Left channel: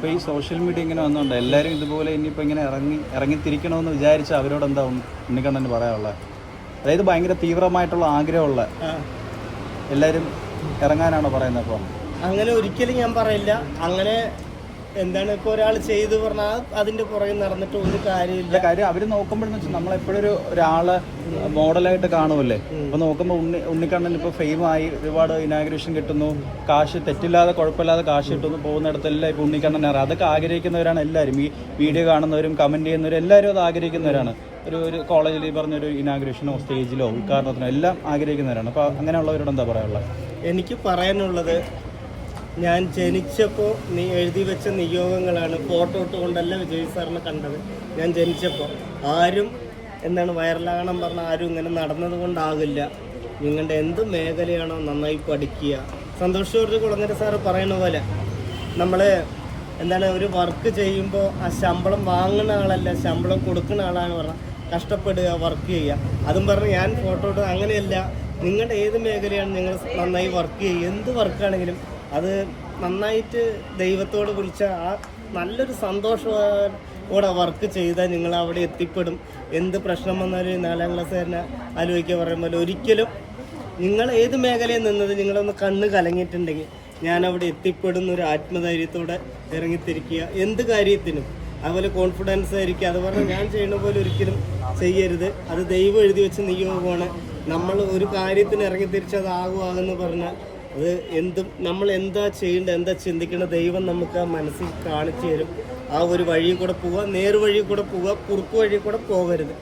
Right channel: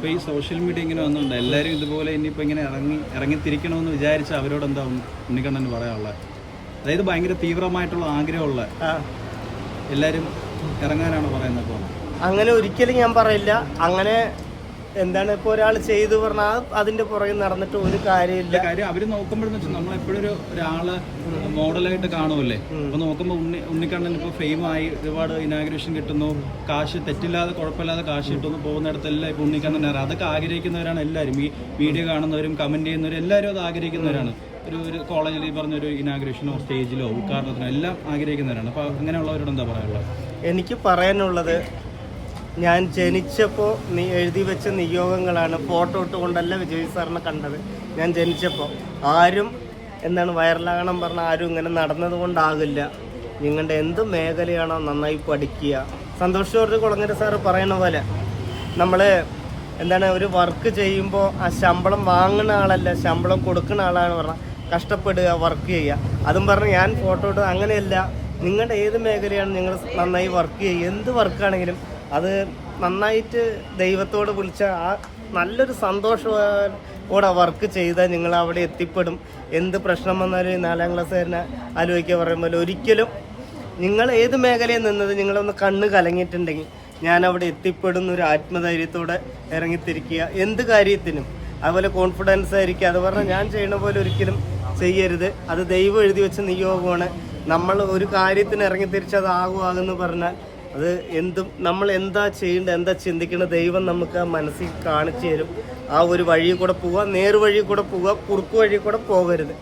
ഇപ്പൊ ഈ social media ഇങ്ങനെ വന്നുകൊണ്ട് എല്ലാവരും ഇതുപോലെ ഇനിയിപ്പോ ഇങ്ങനെ ഇറങ്ങി ഇറങ്ങി ഇറങ്ങിത്തിരിക്കണമെന്ന് വിചാരിച്ച അവരോട് എന്താ ഉണ്ണിക്കണ്ണന് പറയാനുള്ളത് അതായത് ഭയങ്കര തീവ്രമായിട്ടുള്ള ആഗ്രഹമുള്ള എല്ലാരും എല്ലാവരും ഇറങ്ങാനാണോ പറയുന്നത് അപ്പോൾ അങ്ങനെ ഒരിക്കലും ഞാൻ പറയില്ല. അങ്ങനെ എന്താണ് ഇപ്പൊ ഒരാൾ ചെയ്തു പറഞ്ഞാൽ അതിന്റെ പുറകെ നടന്നിട്ട് ഒരു കാര്യമില്ല കാര്യം അവർ നോക്കുമ്പോഴെന്ന് വെച്ചാൽ നമ്മളെപ്പോഴും ഒരു ഒരാൾ മോഡലായിട്ട് കാണുമല്ലേ അപ്പൊ നോക്കുമ്പോൾ ഉണ്ണി ഉണ്ണിക്കണ്ണൻ ഇപ്പൊ ഫെയിം ആയി ഒരുപാട് ഇനാഗ്രേഷൻ കിട്ടുന്നു കാശ് തെറ്റില്ലാതെ കുഴപ്പമില്ലാതെ കാശ് കിട്ടുന്നു പോകുന്നിടത്തെല്ലാം ഇപ്പൊ ഉണ്ണിക്കണ്ണൻ അറിയാം അതൊക്കെ ആഗ്രഹിക്കുന്നവരാണ് എല്ലാവരും. ഈ വീഡിയോ കാണുന്നവരും കമന്റ് ചെയ്യുന്നവരും എല്ലാവരും അത് ആഗ്രഹിക്കുന്നവരാണ്. ഒരു ഒരു കോളേജിൽ ഈ പറഞ്ഞ ഒരു ഇനാഗ്രേഷനോ സ്റ്റേജിലോ ഉദ്ഘാടനത്തിനോ എല്ലാം ആഗ്രഹിക്കുന്നവരാണ്. അപ്പൊ അങ്ങനെയുള്ളവരോട് എന്താ പറയാനുള്ളത്? എനിക്ക് പറയാനുള്ളത് ഞാൻ ജനിച്ചപ്പോൾ നീ എഴുതി വെച്ച നിയോഗങ്ങളാണ് ഫോട്ടോ ഇട്ടുകൊണ്ടല്ല വിജയ് സാറിനെ കണ്ടത്. ഞാൻ ജനിച്ചപ്പോൾ ആരും എന്താണ് വൈറലാകണം പറഞ്ഞ ആരും ഇങ്ങനെ നടന്നത് കൊണ്ടാകില്ല. നിങ്ങളുടെ എന്ത് മേഖലയാണോ നന്നായി പഠിക്കുക. സന്തോഷ് ജോർജ് കുളങ്ങര സാറ് പറയുന്ന പോലെ നമ്മൾ എന്താണ് ഒരു വർക്ക് ചെയ്യുമ്പോൾ ആ ശമ്പളം വാങ്ങുന്ന ആളല്ല ശമ്പളം കൊടുക്കുന്ന ആളാണ് പറഞ്ഞാൽ കഷ്ടപ്പെടുക വർക്ക് ചെയ്യുക. അതും പറഞ്ഞ് ഞാൻ ഫോട്ടോ ഇട്ട് അങ്ങനെയല്ല. നിങ്ങളുടെ ഏത് മേഖലയാണ് നിങ്ങൾ നന്നായി വർക്ക് ചെയ്യുക? എന്ത് വർക്കാണെങ്കിലും അത് നന്നായിട്ട് ദൈവത്തോട് വിളിച്ച ആ നല്ലൊരു സന്തോഷത്തോടെ വർക്ക് ചെയ്താൽ നിങ്ങൾ അവിടെ എത്തിപ്പെടും. എന്ത് പ്രശ്നം വന്നാലും നാലാം ക്ലാസ്സുകാരനെ ആലോചിക്കുക പറയുമ്പോൾ ഒരിക്കലും നിങ്ങൾ ഏത് മേഖലയിൽ നിന്നത് നിങ്ങളൊന്ന് കണ്ണ് കലങ്ങിയിട്ടുണ്ടെങ്കിൽ ഞാൻ അവിടെ എത്തിപ്പെടുന്ന ഒരു ആത്മധൈര്യത്തോടെ ഇറങ്ങിത്തിരിക്കുക. എന്ത് കാര്യത്തിനും. അതുപോലെ കോൺഫിഡൻസ് ആയിരിക്കുക. അത് പറഞ്ഞാൽ ഞാൻ ചെയ്യുന്ന പോലെ ഒരിക്കലും ചെയ്യരുത്. അത് ദൈവം എഴുതി വെച്ച നിയോഗമാണ്. നമ്മൾ ഒരു കാര്യത്തിന് ഇറങ്ങിത്തിരിച്ച് അത് ആകുവാകുമെന്ന് പറഞ്ഞാൽ അത് എന്തും നമ്മൾ എന്താ ചെയ്യേണ്ടത് എന്താ ചിന്തിക്കേണ്ടത് ദൈവം നമുക്ക് ആ മനസ്സിൽ കാണിച്ചു തരും. ആ ഒരു വഴിയിൽ കൂടെ പോവുക നേർവഴി കൂടെ പോവുക കുറുക്കു വഴിയിൽ കൂടെ പോകരുത്.